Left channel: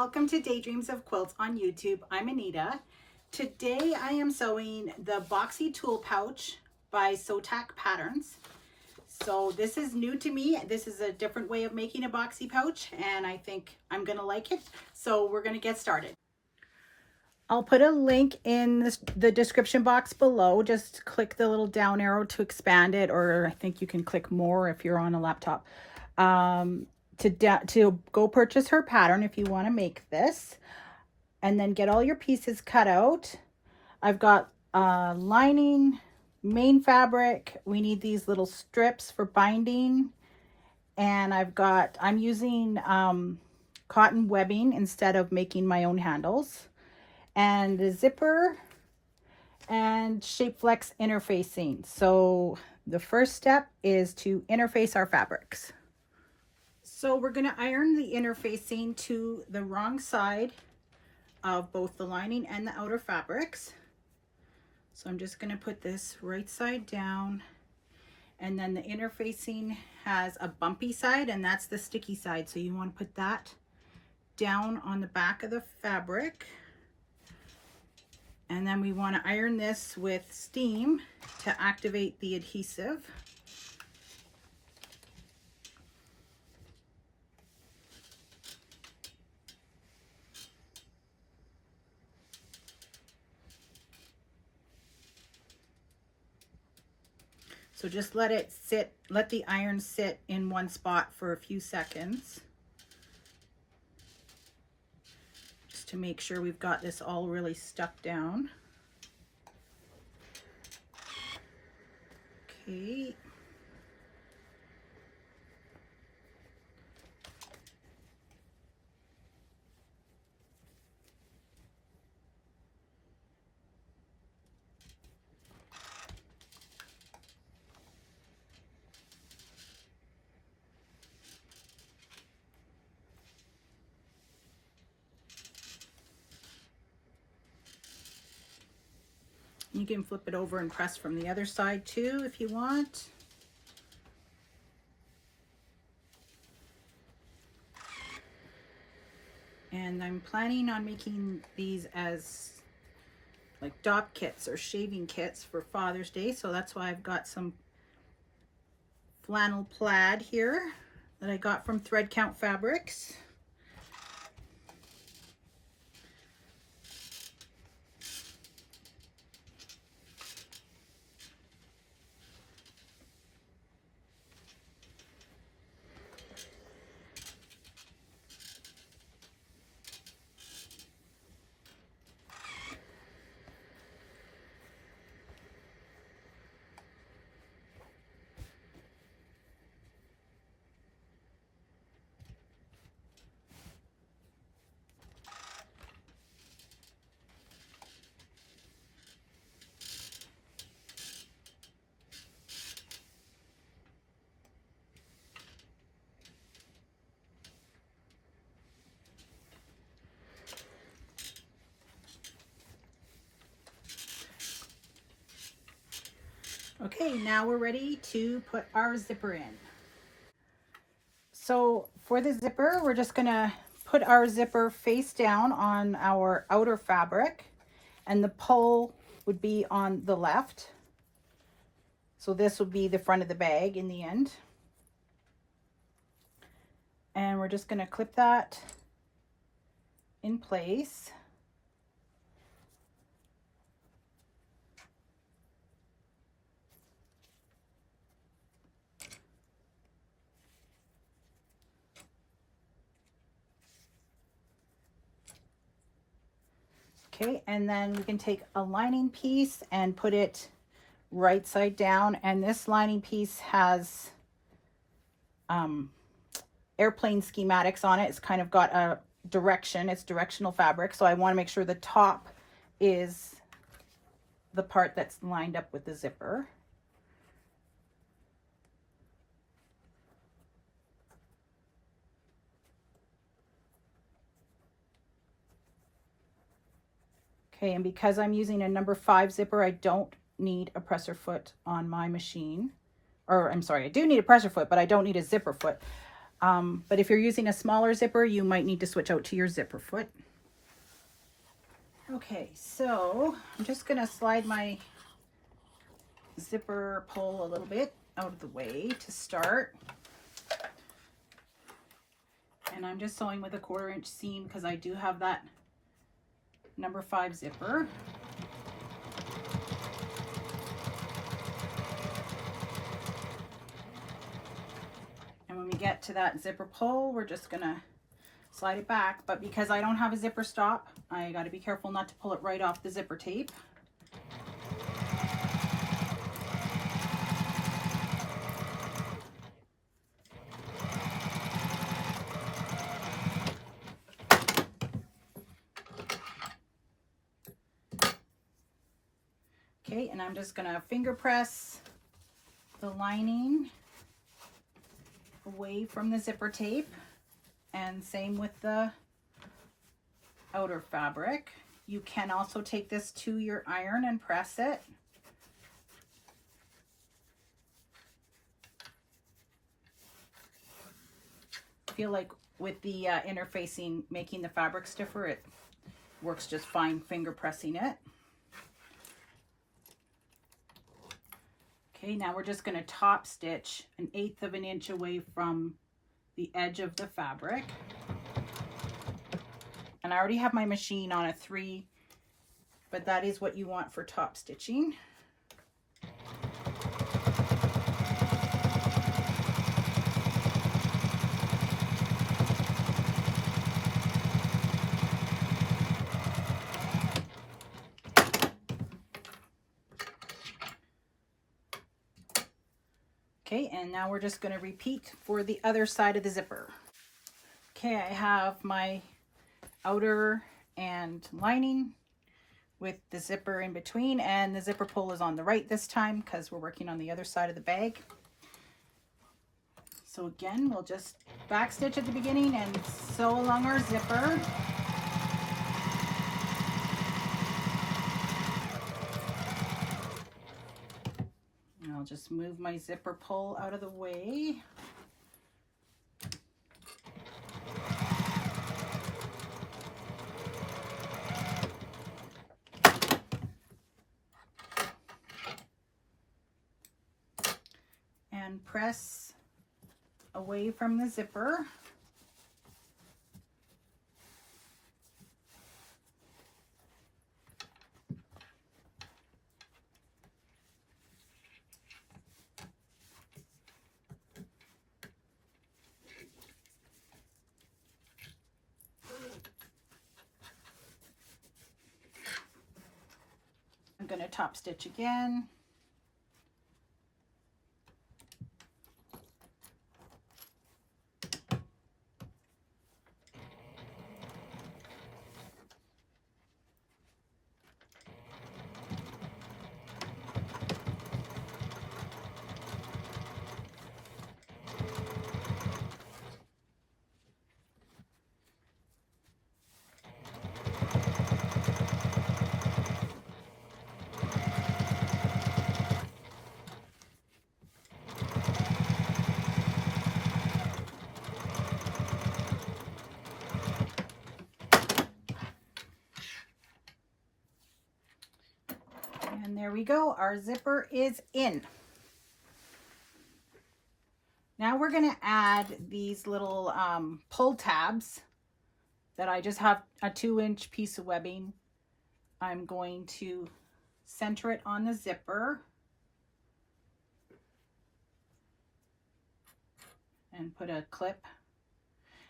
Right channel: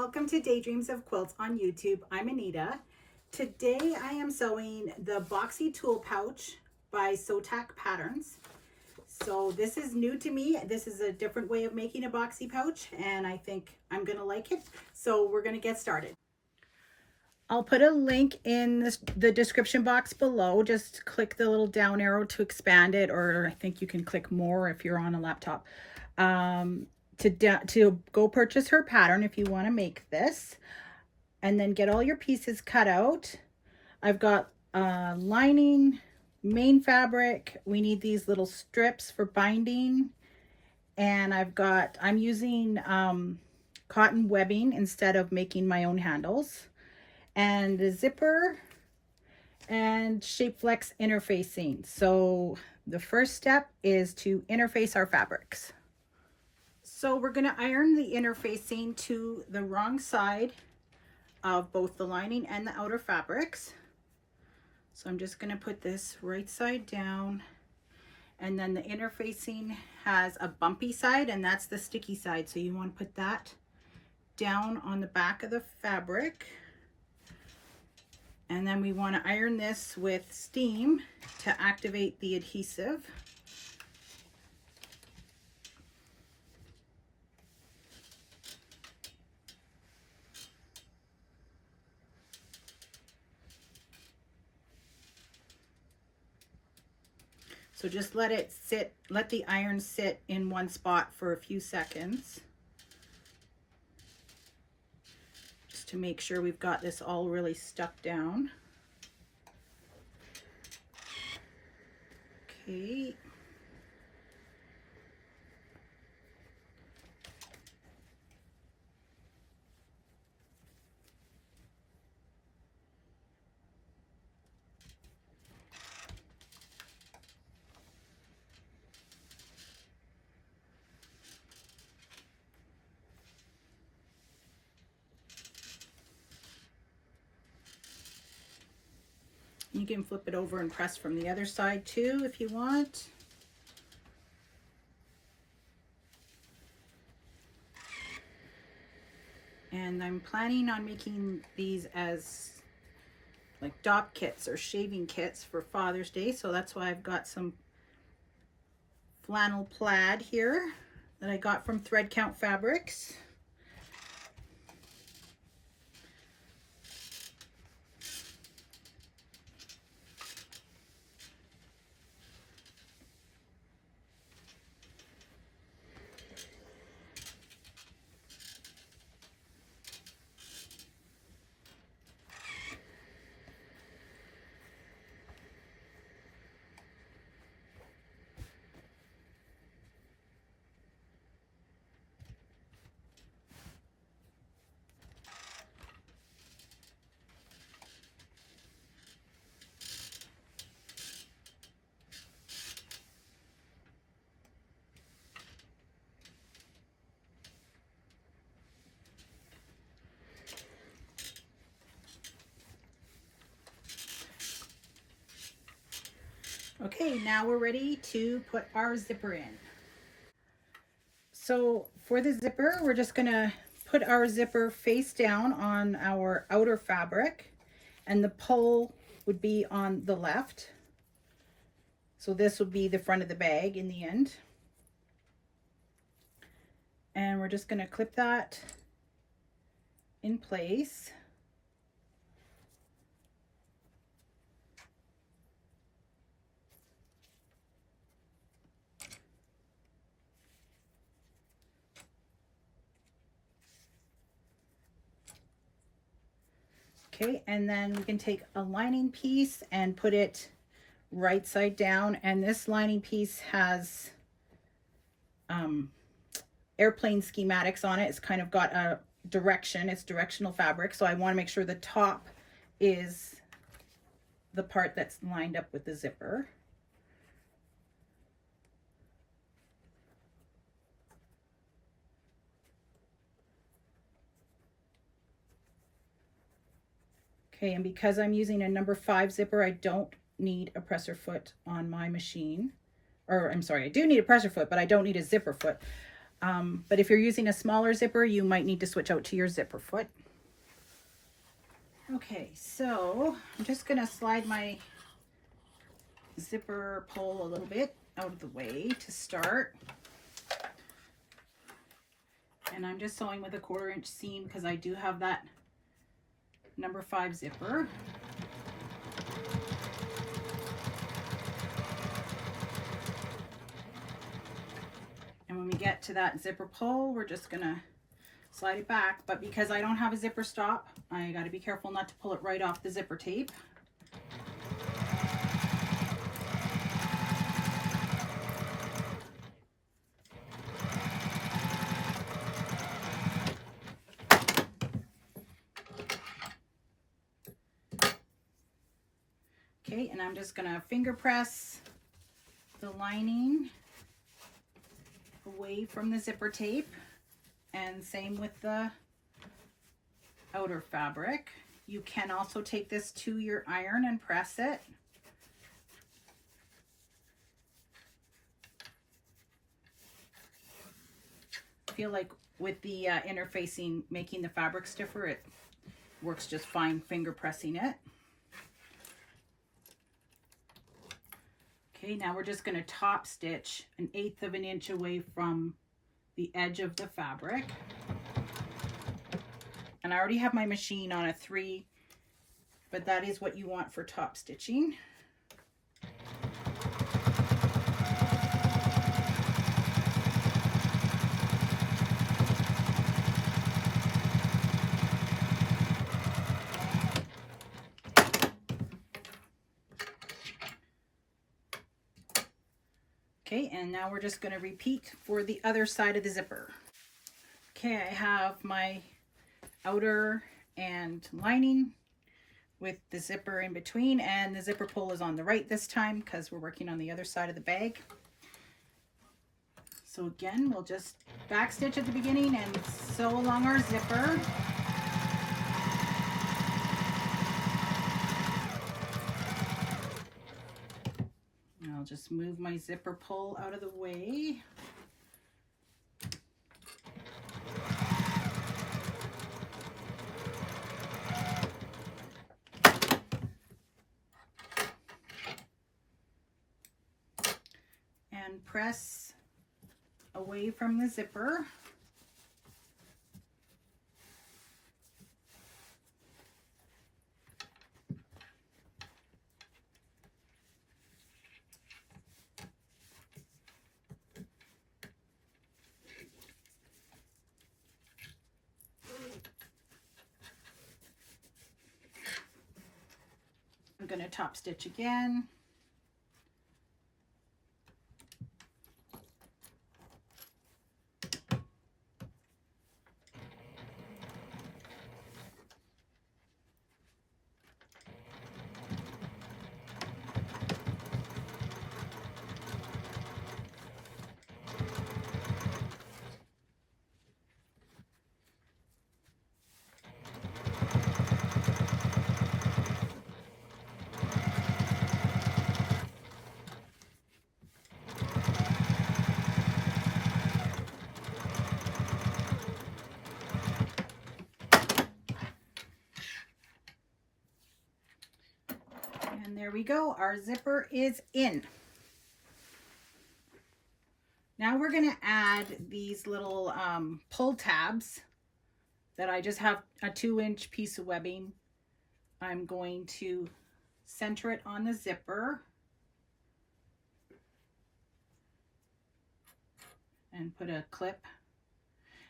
welcome to Daydreams of Quilts on YouTube. I'm Anita. Today I am sewing the Boxy Tool Pouch by Sotac Patterns. So this is new to me. This is a different way of making a boxy pouch and I think I'm gonna like it. So we're gonna get started. I'll put a link in the description box below. Just click the little down arrow to expand it, or I think you can click more if you're on a laptop. To go purchase her pattern if you want to make this, and then get all your pieces cut out. I've got lining, main fabric. We need these little strips for binding, and I'm using cotton webbing instead of making my own handles, and the zipper and shape flex interfacing. So the first step is to interface our fabrics. So we're going to iron the interfacing to the wrong side of both the lining and the outer fabrics. So I'm just going to put this right side down, and then the interfacing has a bumpy side, and that's the sticky side. So you want to put that down on the back of the fabric. And then we want to iron this with steam to activate the adhesive. So just let it sit, let the iron sit in one spot for a few seconds, just to make sure we've got this all really stuck down. Okay. You can flip it over and press from the other side too if you want. And I'm planning on making these as like dop kits or shaving kits for Father's Day. So that's why I've got some flannel plaid here that I got from Thread Count Fabrics. Okay, now we're ready to put our zipper in. So for the zipper, we're just gonna put our zipper face down on our outer fabric, and the pull would be on the left. So this would be the front of the bag in the end. And we're just gonna clip that in place. Okay, and then we can take a lining piece and put it right side down, and this lining piece has airplane schematics on it. It's kind of got a direction, it's directional fabric, so I want to make sure the top is the part that's lined up with the zipper. Okay, and because I'm using a number 5 zipper, I don't need a presser foot on my machine. Or I'm sorry, I do need a presser foot, but I don't need a zipper foot. But if you're using a smaller zipper, you might need to switch out to your zipper foot. Okay, so I'm just gonna slide my zipper pull a little bit out of the way to start. And I'm just sewing with a 1/4 inch seam because I do have that number 5 zipper. And when we get to that zipper pull, we're just gonna slide it back. But because I don't have a zipper stop, I gotta be careful not to pull it right off the zipper tape. Okay, and I'm just gonna finger press the lining away from the zipper tape, and same with the outer fabric. You can also take this to your iron and press it. I feel like with the interfacing, making the fabric stiffer, it works just fine finger pressing it. Okay, now we're just going to top stitch 1/8 of an inch away from the edge of the fabric. And I already have my machine on a 3, but that is what you want for top stitching. Okay, and now we're just going to repeat for the other side of the zipper. Okay, I have my outer and lining with the zipper in between, and the zipper pull is on the right this time because we're working on the other side of the bag. So again, we'll just back stitch at the beginning and sew along our zipper. I'll just move my zipper pull out of the way. And press away from the zipper. I'm going to top stitch again. And there we go, our zipper is in. Now we're going to add these little pull tabs that I just have a 2-inch piece of webbing. I'm going to center it on the zipper and put a clip.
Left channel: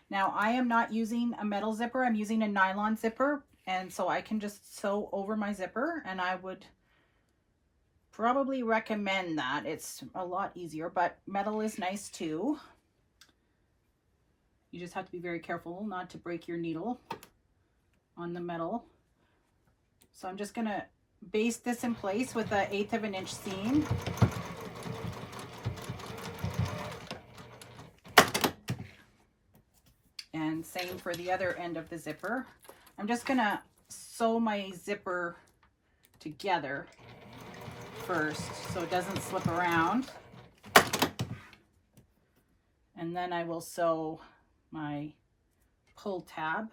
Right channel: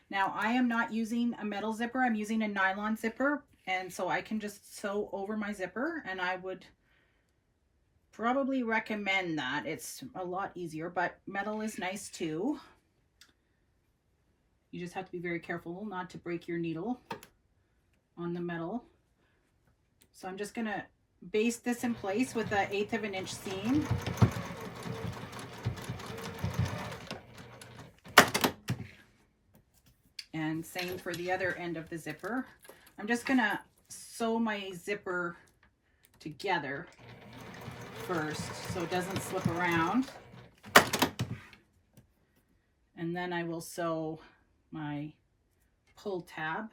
Now I am not using a metal zipper, I'm using a nylon zipper, and so I can just sew over my zipper, and I would probably recommend that. It's a lot easier, but metal is nice too. You just have to be very careful not to break your needle on the metal. So I'm just gonna baste this in place with an 1/8 of an inch seam. And same for the other end of the zipper. I'm just gonna sew my zipper together first so it doesn't slip around. And then I will sew my pull tab.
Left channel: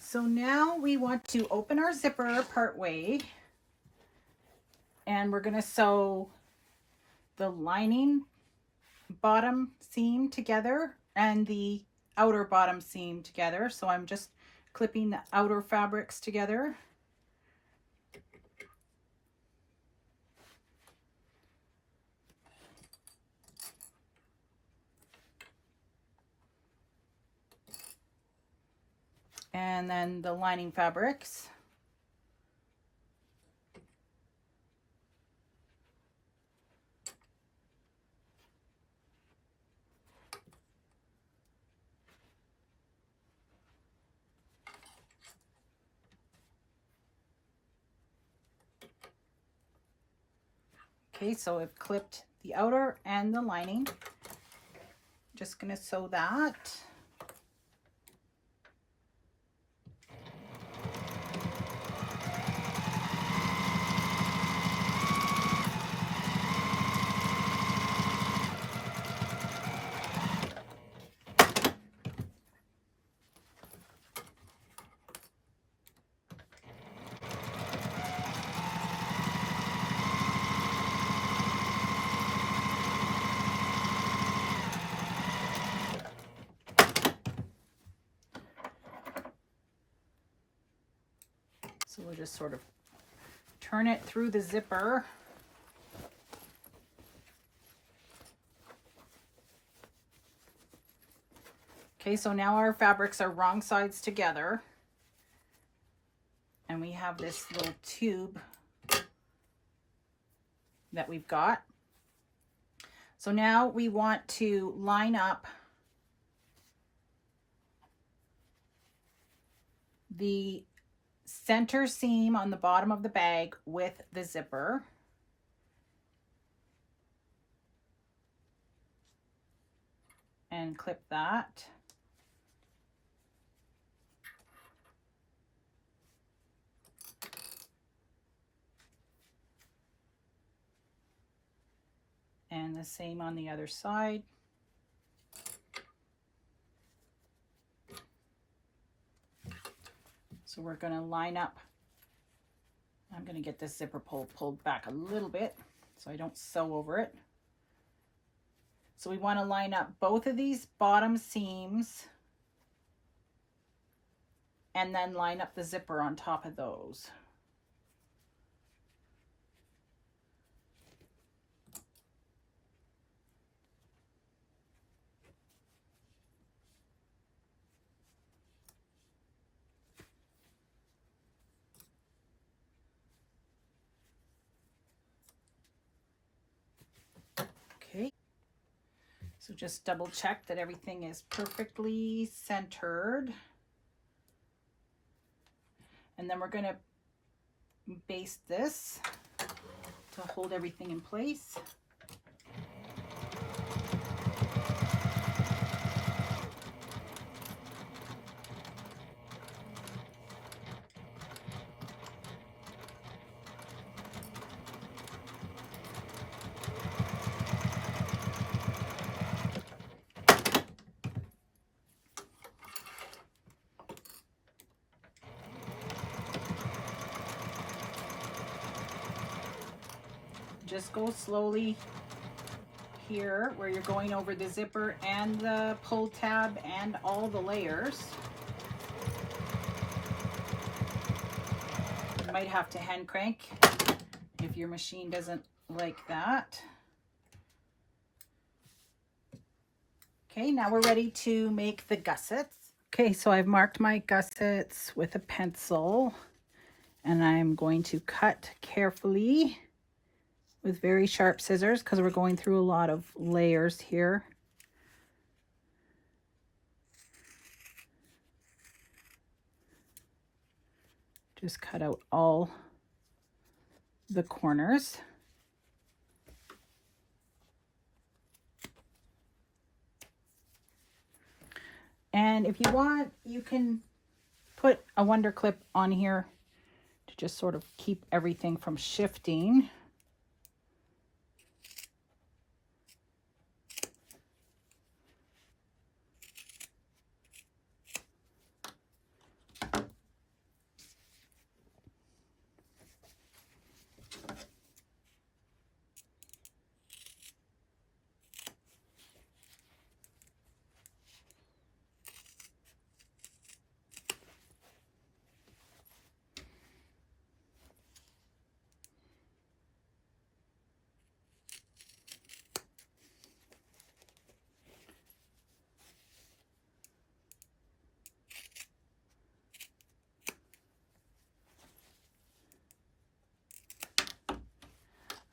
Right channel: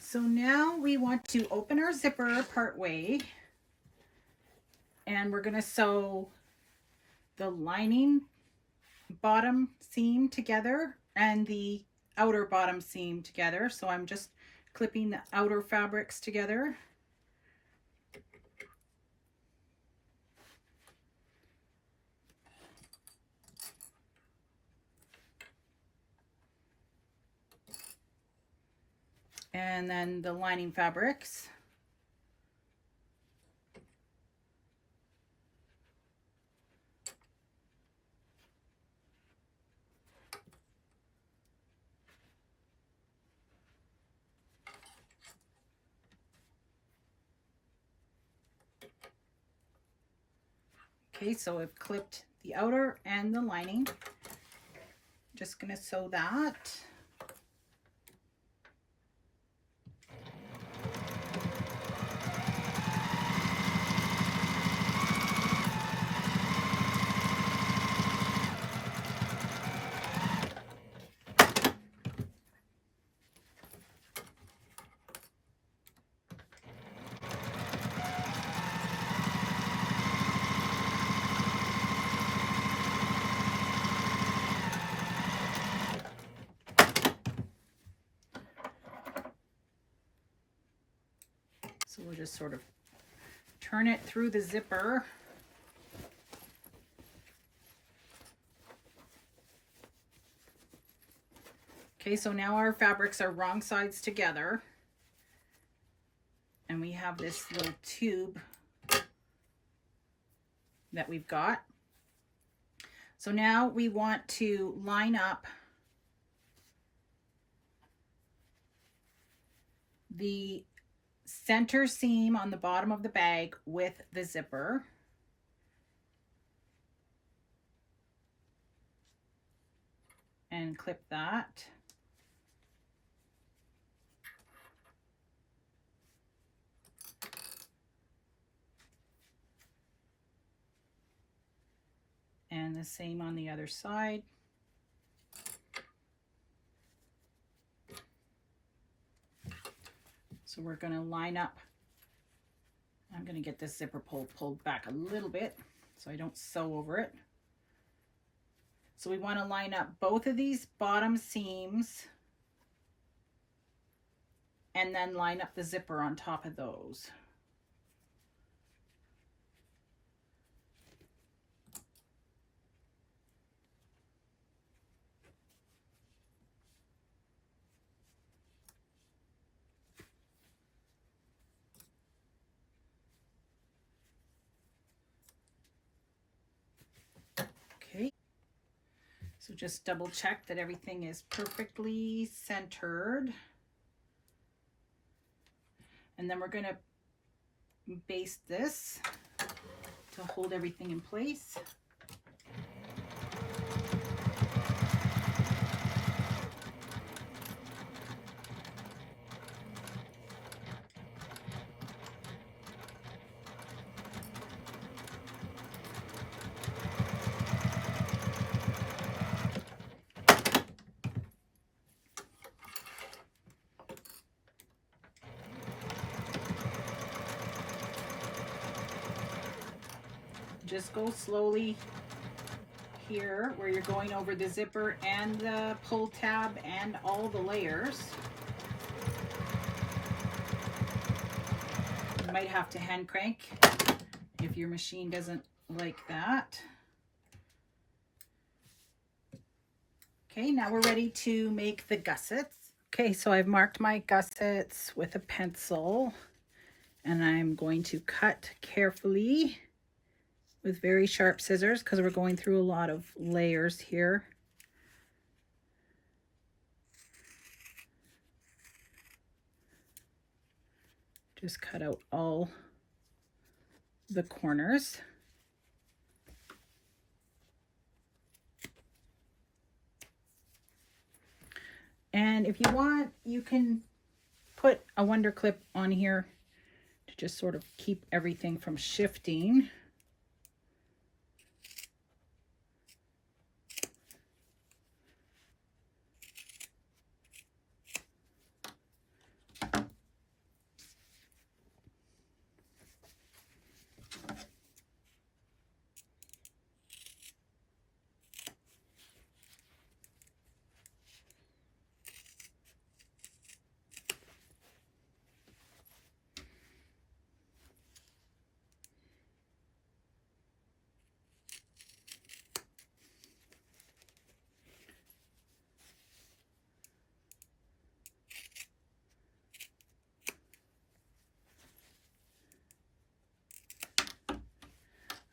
So now we want to open our zipper part way, and we're going to sew the lining bottom seam together and the outer bottom seam together. So I'm just clipping the outer fabrics together. And then the lining fabrics. Okay, so I've clipped the outer and the lining. Just gonna sew that. So we'll just sort of turn it through the zipper. Okay, so now our fabrics are wrong sides together. And we have this little tube that we've got. So now we want to line up the center seam on the bottom of the bag with the zipper. And clip that. And the same on the other side. So we're going to line up. I'm going to get this zipper pulled back a little bit so I don't sew over it. So we want to line up both of these bottom seams and then line up the zipper on top of those. Okay, so just double check that everything is perfectly centered. And then we're going to baste this to hold everything in place. Just go slowly here where you're going over the zipper and the pull tab and all the layers. You might have to hand crank if your machine doesn't like that. Okay, now we're ready to make the gussets. Okay, so I've marked my gussets with a pencil and I'm going to cut carefully with very sharp scissors because we're going through a lot of layers here. Just cut out all the corners. And if you want, you can put a wonder clip on here to just sort of keep everything from shifting.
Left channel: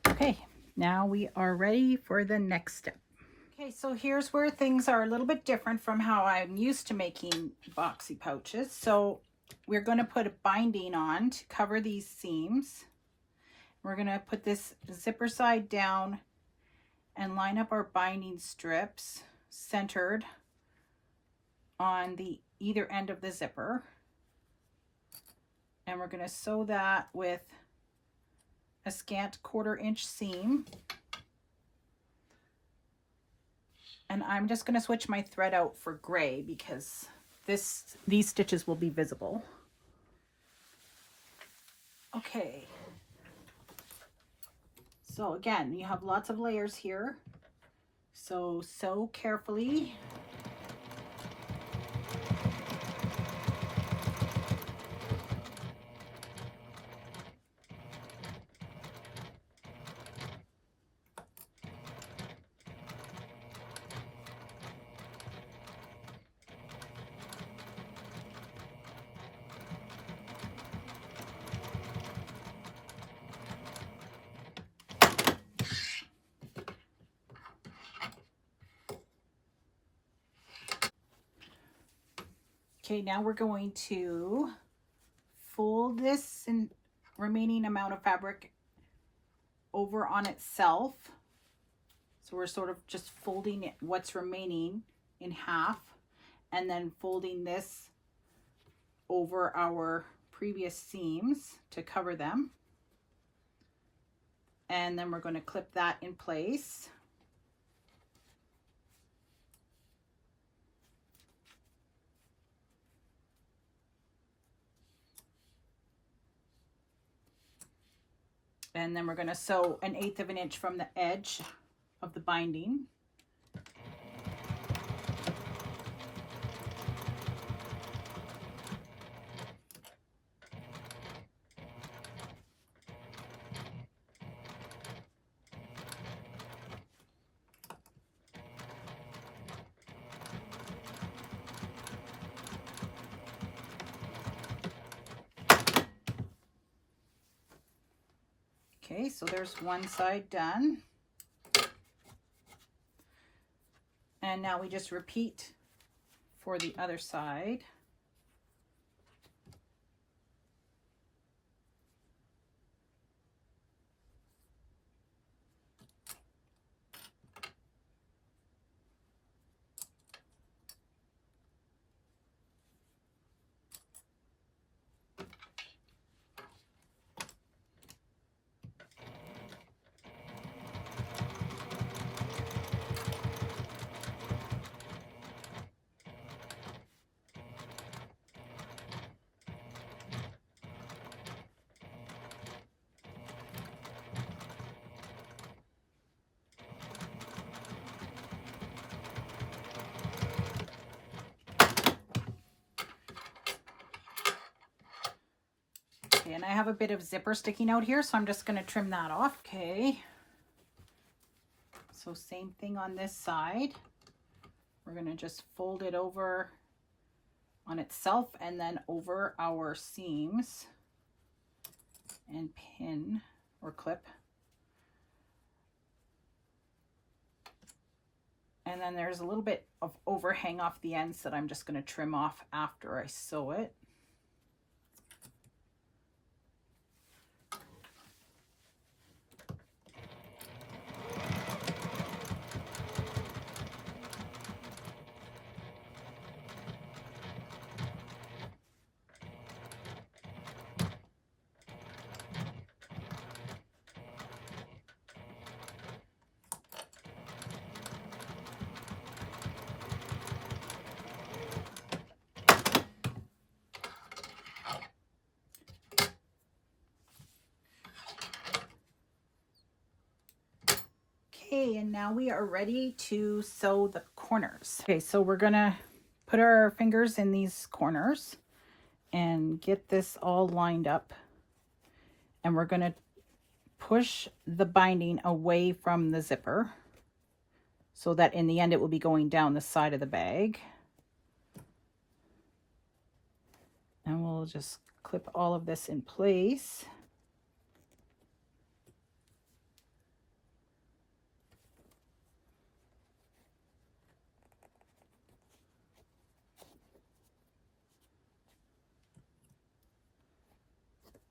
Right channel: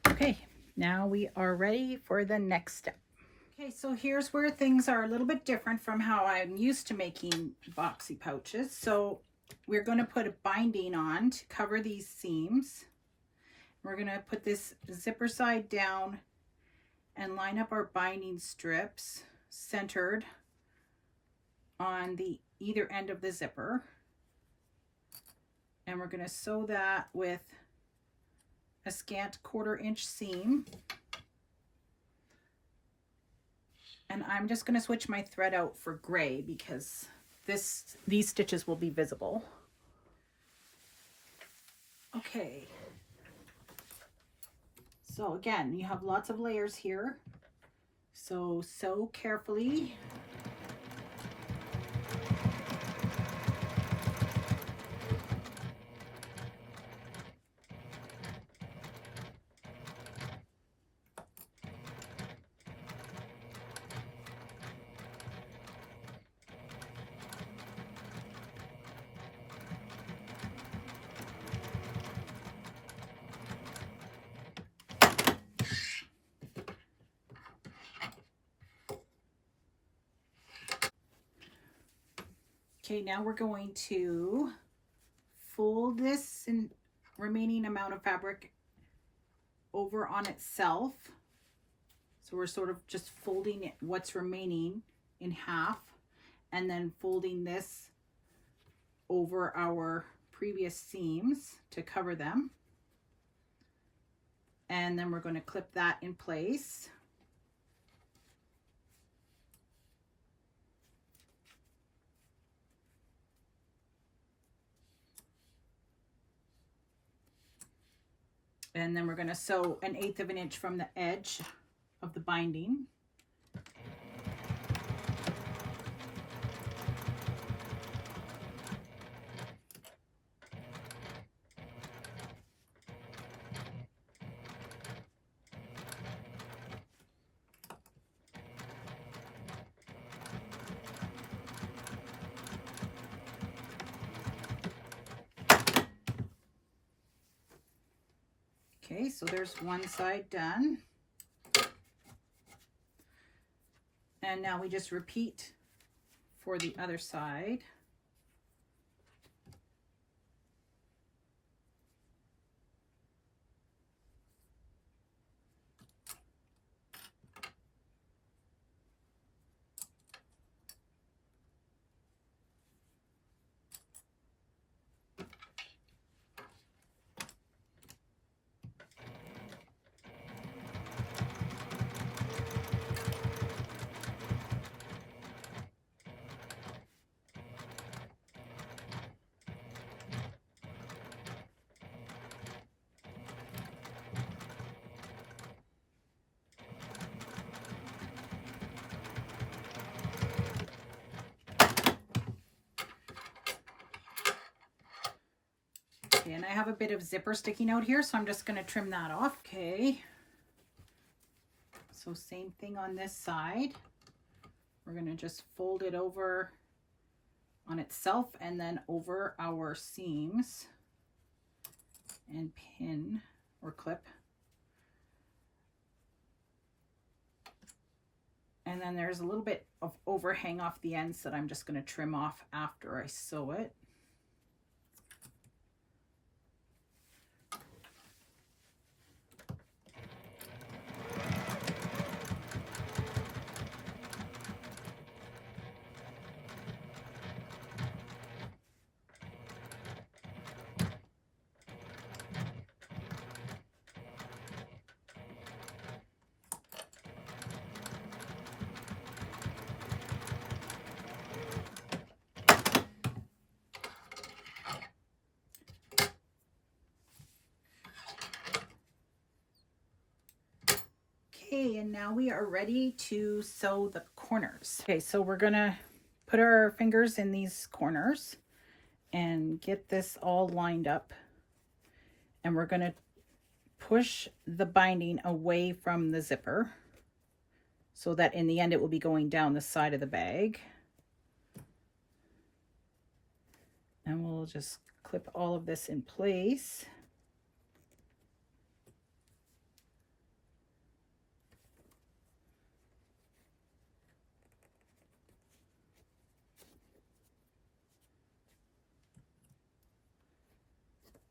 Okay, now we are ready for the next step. Okay, so here's where things are a little bit different from how I'm used to making boxy pouches. So we're going to put a binding on to cover these seams. We're going to put this zipper side down and line up our binding strips centered on the either end of the zipper. And we're going to sew that with a scant 1/4 inch seam. And I'm just going to switch my thread out for gray because these stitches will be visible. Okay. So again, you have lots of layers here. So sew carefully. Okay, now we're going to fold this and remaining amount of fabric over on itself. So we're sort of just folding what's remaining in half and then folding this over our previous seams to cover them. And then we're going to clip that in place. And then we're going to sew 1/8 of an inch from the edge of the binding. Okay, so there's one side done. And now we just repeat for the other side. Okay, and I have a bit of zipper sticking out here, so I'm just going to trim that off. Okay, so same thing on this side. We're going to just fold it over on itself and then over our seams and pin or clip. And then there's a little bit of overhang off the ends that I'm just going to trim off after I sew it. Okay, and now we are ready to sew the corners. Okay, so we're gonna put our fingers in these corners and get this all lined up. And we're gonna push the binding away from the zipper so that in the end it will be going down the side of the bag. And we'll just clip all of this in place.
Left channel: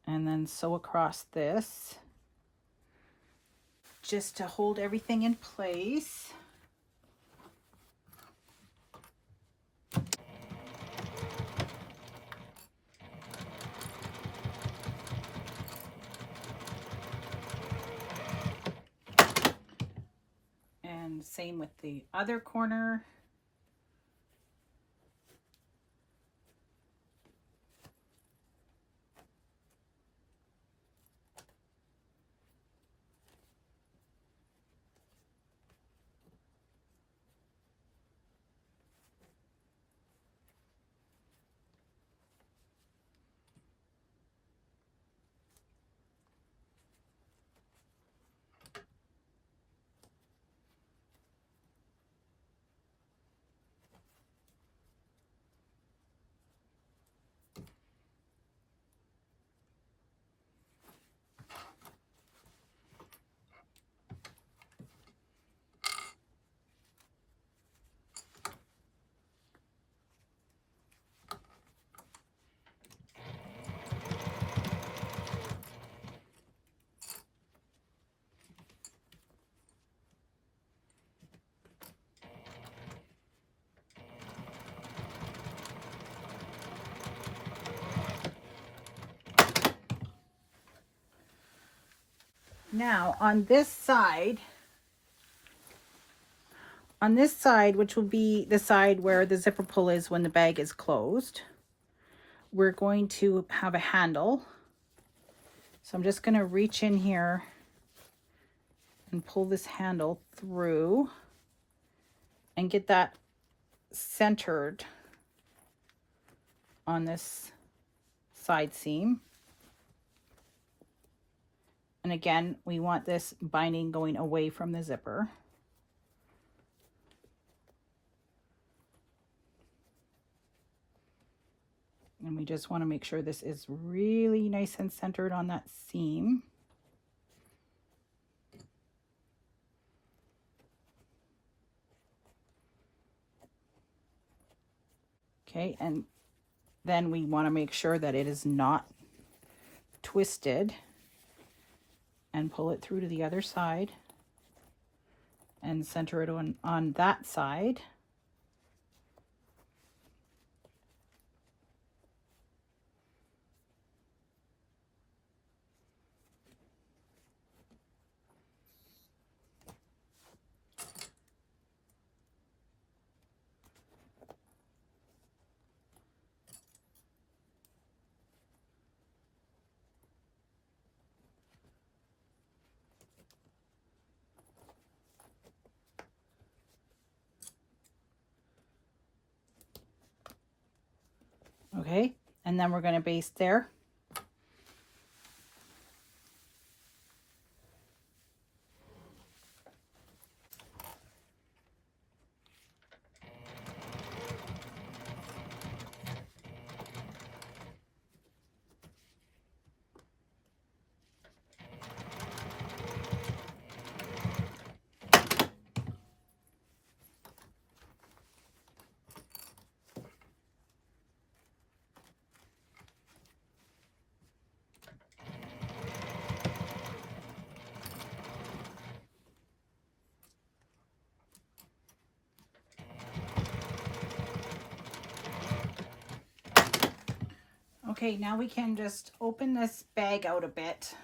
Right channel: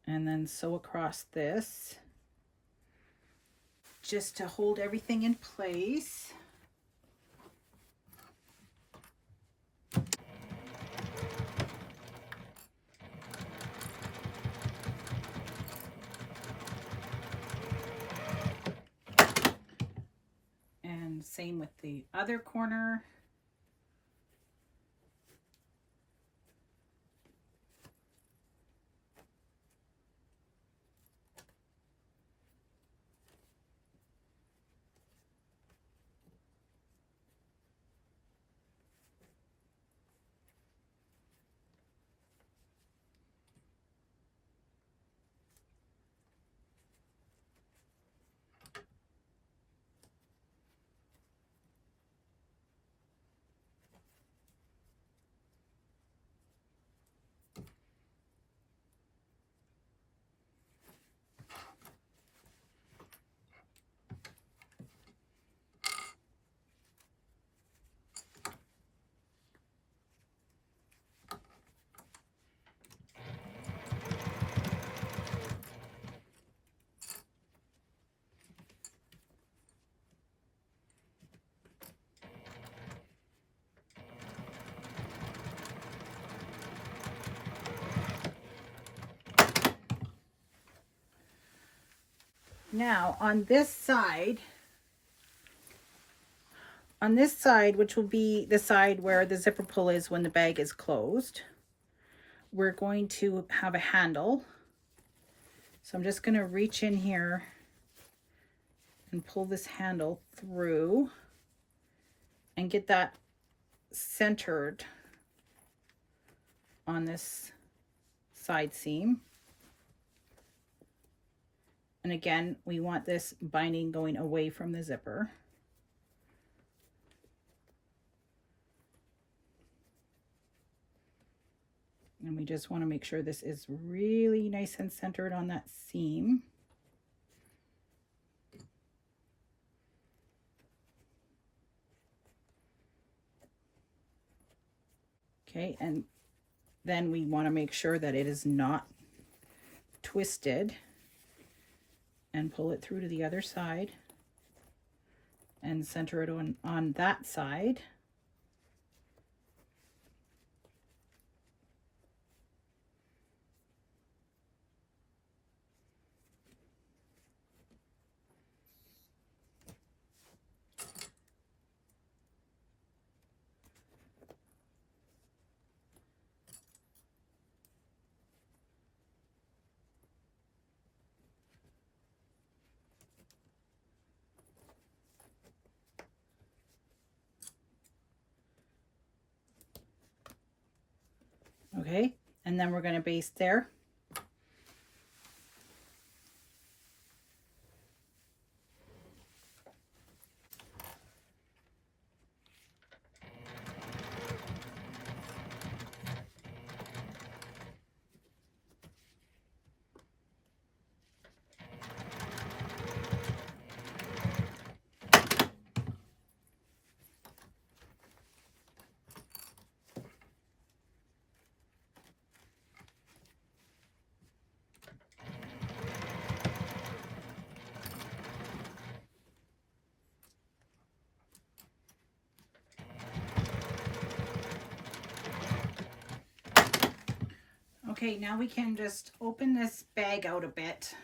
And then sew across this just to hold everything in place. And same with the other corner. Now on this side, which will be the side where the zipper pull is when the bag is closed, we're going to have a handle. So I'm just going to reach in here and pull this handle through and get that centered on this side seam. And again, we want this binding going away from the zipper. And we just want to make sure this is really nice and centered on that seam. Okay, and then we want to make sure that it is not twisted, and pull it through to the other side and center it on that side. Okay, and then we're going to baste there. Okay, now we can just open this bag out a bit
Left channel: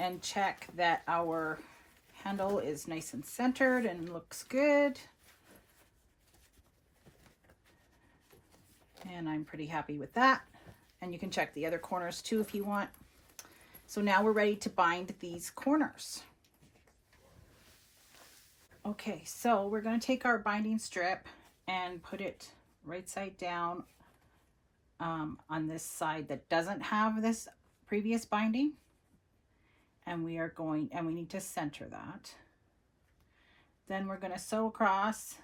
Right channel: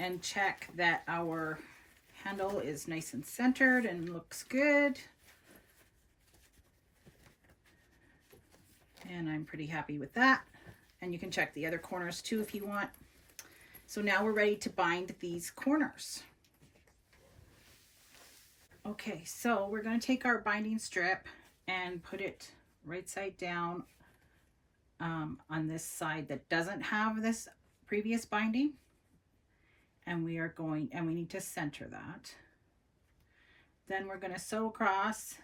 and check that our handle is nice and centered and looks good. And I'm pretty happy with that. And you can check the other corners too if you want. So now we're ready to bind these corners. Okay, so we're going to take our binding strip and put it right side down on this side that doesn't have this previous binding. And we need to center that. Then we're going to sew across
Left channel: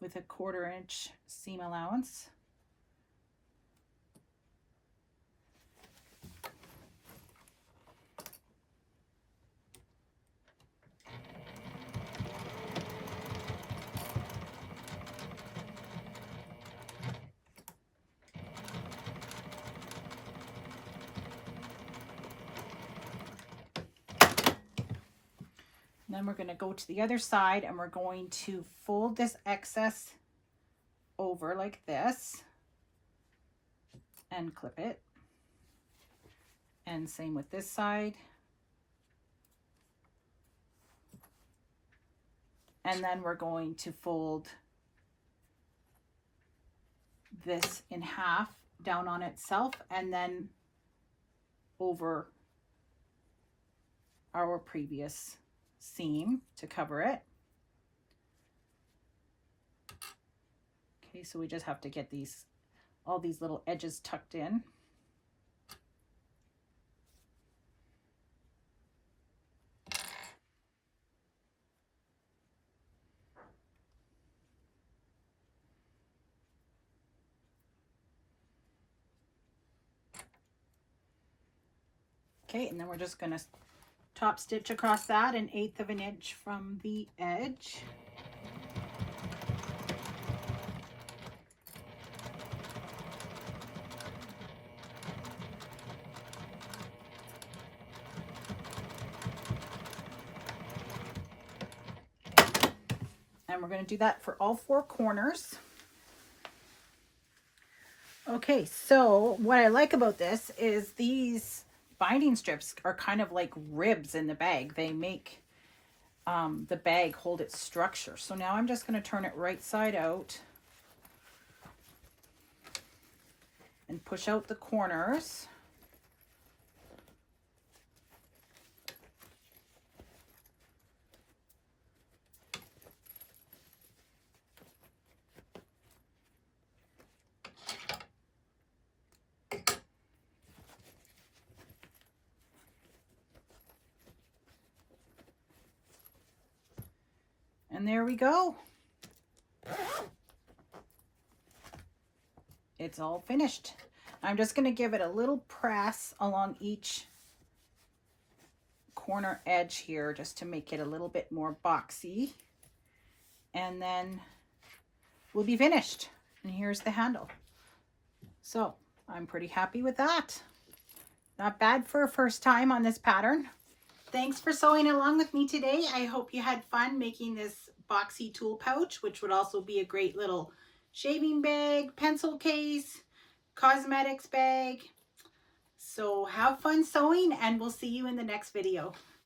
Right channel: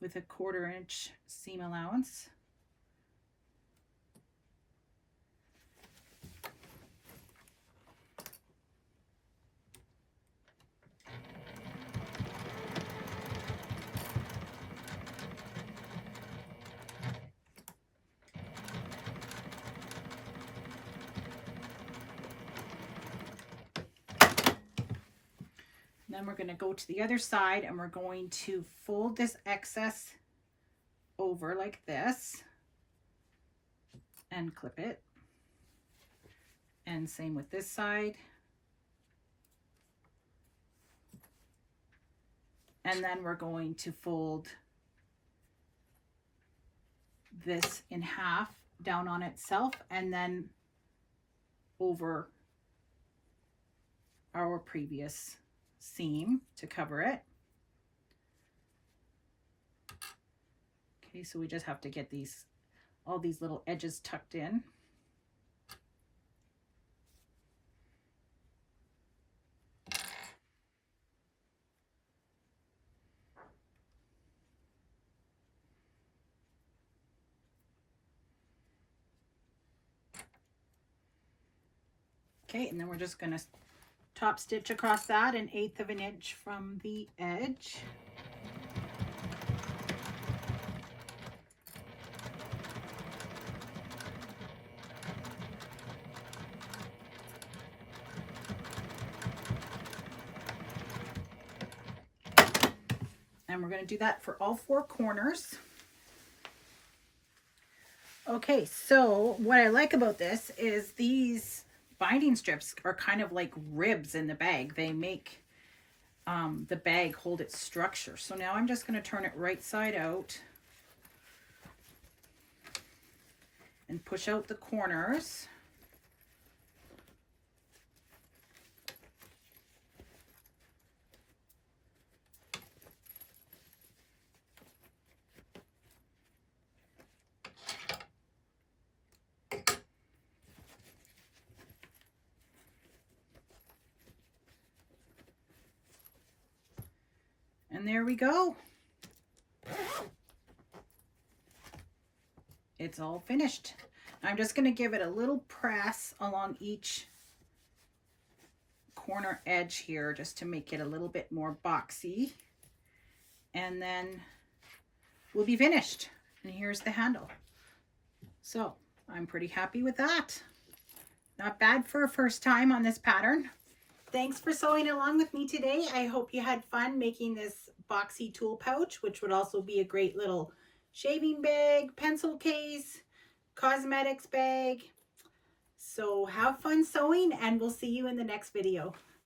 with a 1/4 inch seam allowance. Then we're going to go to the other side and we're going to fold this excess over like this and clip it. And same with this side. And then we're going to fold this in half down on itself and then over our previous seam to cover it. Okay, so we just have to get all these little edges tucked in. Okay, and then we're just going to top stitch across that 1/8 of an inch from the edge. And we're going to do that for all 4 corners. Okay, so what I like about this is these binding strips are kind of like ribs in the bag. They make the bag hold its structure. So now I'm just going to turn it right side out and push out the corners. And there we go. It's all finished. I'm just going to give it a little press along each corner edge here just to make it a little bit more boxy. And then we'll be finished. And here's the handle. So I'm pretty happy with that. Not bad for a first time on this pattern. Thanks for sewing along with me today. I hope you had fun making this boxy tool pouch, which would also be a great little shaving bag, pencil case, cosmetics bag. So have fun sewing, and we'll see you in the next video.